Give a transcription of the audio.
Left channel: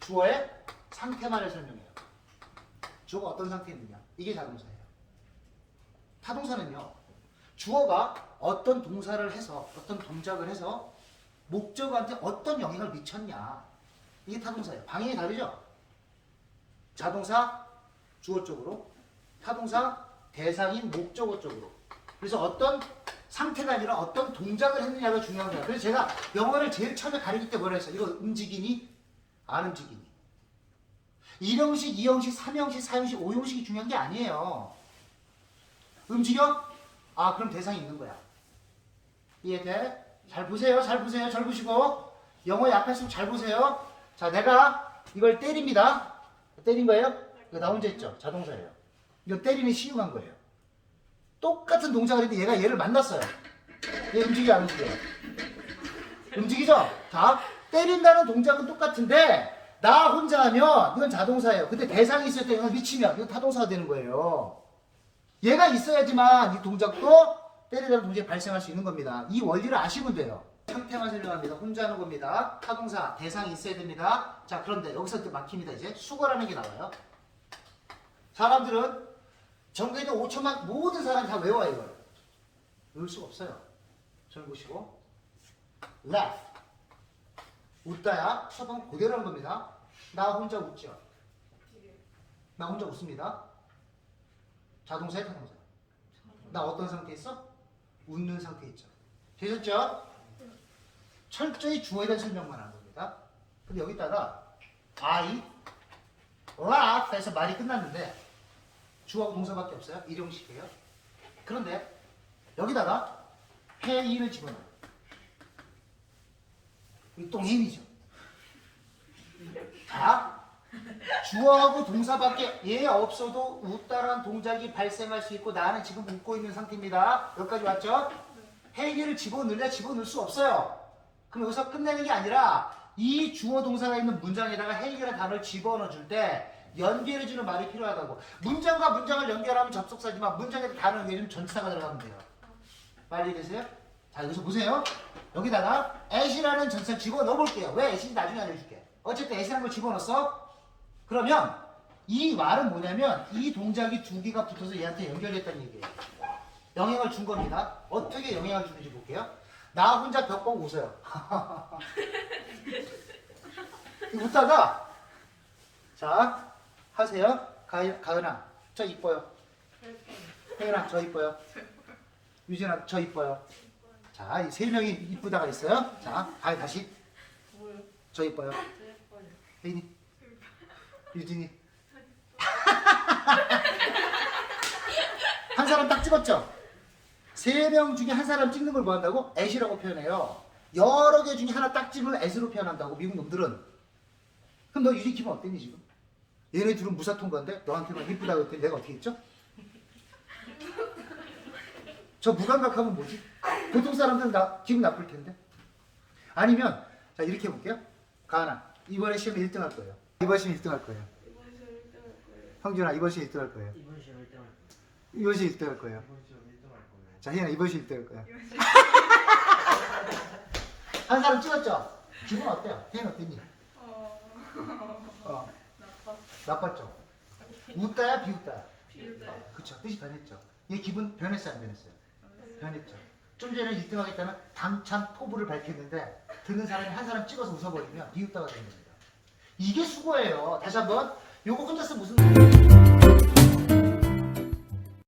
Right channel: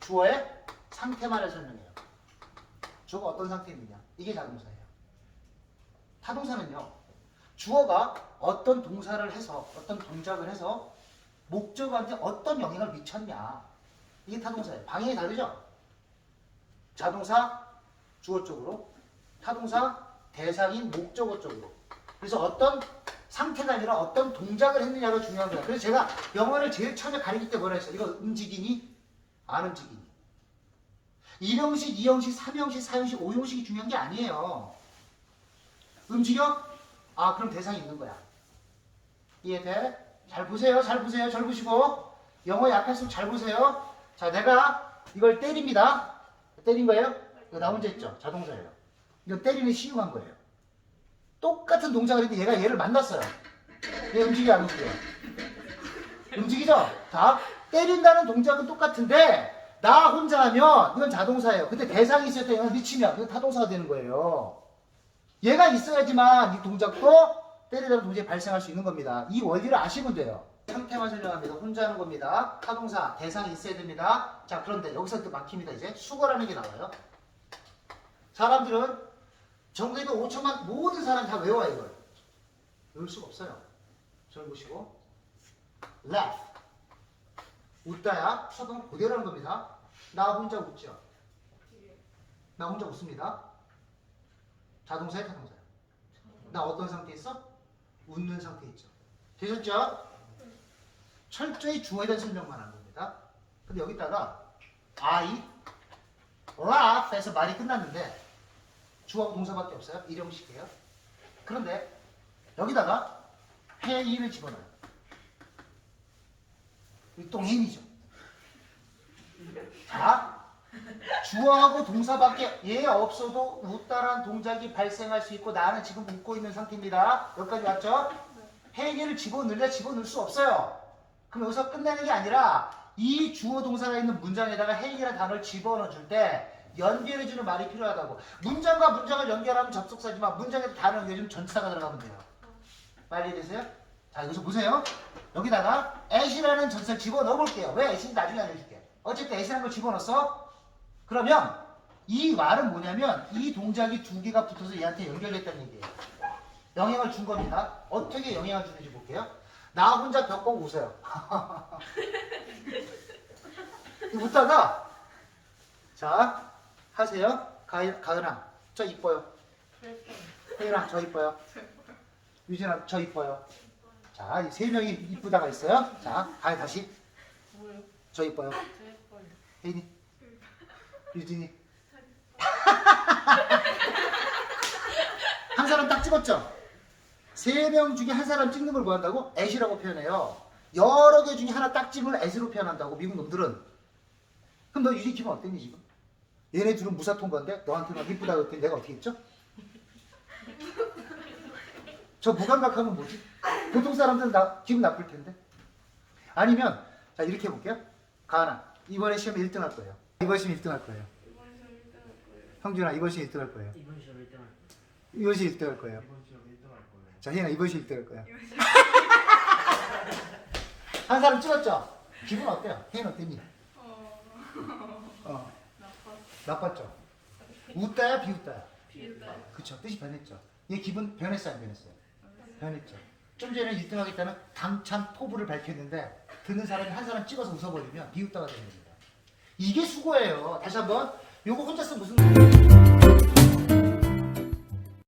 주어의 상태만을 설명해요. 주어가 어떤 상태에 있느냐. 이게 자동사예요. 타동사는요. 주어가 어떤 동사를 해서 어떤 동작을 해서 목적한테 어떤 영향을 미쳤냐. 이게 타동사예요. 방향이 다르죠? 자동사 주어 쪽으로 타동사 대상인 목적어 쪽으로 그래서 어떤 상태가 아니라 어떤 동작을 했느냐가 중요한 거야 그래서 제가 영어를 제일 처음에 가르칠 때 뭐라 했어요 이거 움직이니 안 움직이니 1형식, 2형식, 3형식, 4형식, 5형식이 중요한 게 아니에요 움직여? 아 그럼 대상이 있는 거야 이해돼? 잘 보세요 잘 보세요 잘 보시고 영어 약했으면 잘 보세요 자 내가 이걸 때립니다 때린 거예요? 나 혼자 했죠? 자동사예요. 이거 때리는 시유한 거예요. 똑같은 동작을 했는데 얘가 얘를 만났어요. 얘 움직여 안 움직여? 움직이죠? 자, 때린다는 동작은 똑같은데 나 혼자 하면 이건 자동사예요. 근데 대상이 있을 때 이건 미치면 이건 타동사가 되는 거예요. 얘가 있어야지만 이 동작도 때리다는 동작이 발생할 수 있는 겁니다. 이 원리를 아시면 돼요. 상태만 설명합니다. 혼자 하는 겁니다. 타동사, 대상이 있어야 됩니다. 자, 그런데 여기서 또 막힙니다. 이제 수거라는 게 나와요. 사람들은 전국에 있는 5천만 모든 사람 다 외워요, 이걸. 외울 수가 없어요. 저를 보시고. laugh. 웃다야 수동 그대로 하는 겁니다. 나 혼자 웃죠. 나 혼자 웃습니다. 자동사에 타동사야. 나 어떤 상태에 있어? 웃는 상태에 있죠. 되셨죠? 철저히 주어에 대한 설명만 한 겁니다. 근데 여기다가 I laugh 해서 말이 끝났는데 주어하고 동사밖에 없어요. 일형식이에요. 그런데 여기다가 해이를 집어넣어요. 이똥 힘이죠. 자, 주어하고 동사밖에 얘 없어도 웃다란 동작이 발생할 수 있고 나는 지금 웃고 있는 상태입니다. 여기까지 왔죠? 해이를 집어넣으려 집어넣을 수 없어요. 그럼 여기서 끝내는 게 아니라 이 주어 동사가 있는 문장에다가 해이라는 단어를 집어넣어 줄 때 연결해주는 말이 필요하다고. 문장과 문장을 연결하면 접속사지만 문장에 단어 연결해주면 전치사가 들어가면 돼요. 빨리 되세요? 자 여기서 보세요. 여기다가 as이라는 전치사를 집어넣어 볼게요. 왜 as인지 나중에 알려줄게. 어쨌든 as라는 걸 집어넣었어. 그러면 이 말은 뭐냐면 이 동작이 두 개가 붙어서 얘한테 연결됐다는 얘기예요. 영향을 준 겁니다. 어떻게 영향을 주는지 볼게요. 나 혼자 벽 보고 웃어요. 웃다가 자 하세요. 가, 가은아 저 이뻐요. 혜윤아 저 이뻐요. 유진아 저 이뻐요. 자, 이 세 명이 이쁘다가 있어요. 자, 가 다시 저 이뻐요. 혜인이 유진이 한 사람 딱 찍었죠? 세 명 중에 한 사람 찍는 걸 뭐 한다고? 애시라고 표현해요. 여러 개 중에 하나 딱 찍으면 애시로 표현한다고 미국 놈들은. 그럼 너 기분 어땠니 지금? 얘네 둘은 무사통 건데 너한테만 이쁘다고 했더니 내가 어떻게 했죠? 저 무감각하면 뭐지? 보통 사람들은 나 기분 나쁠 텐데. 아니면 자 이렇게 해볼게요. 가은아 이번에 시험에 1등 할 거예요. 이번 시험 1등 할 거예요. 형준아 이번 시험 1등 할 거예요. 이번 시험 1등 할 거예요. 이번 시험 1등 할 거예요. 이번 시험 1등 할 거예요. 자, 희연아 이번 시험 1등 할 거야. 한 사람 찍었죠? 기분 어때요? 혜연 어땠니? 어, 나빴죠? 웃다야 비웃다야? 그쵸, 뜻이 변했죠? 얘 기분 변했어요 안 변했어요? 변했죠. 좀 전에 1등 하겠다는 당찬 포부를 밝혔는데 듣는 사람이 한 사람 찍어서 웃어버리면 비웃다가 되는 겁니다. 이게 수고예요. 다시 한번 요거 혼자 쓰면 무슨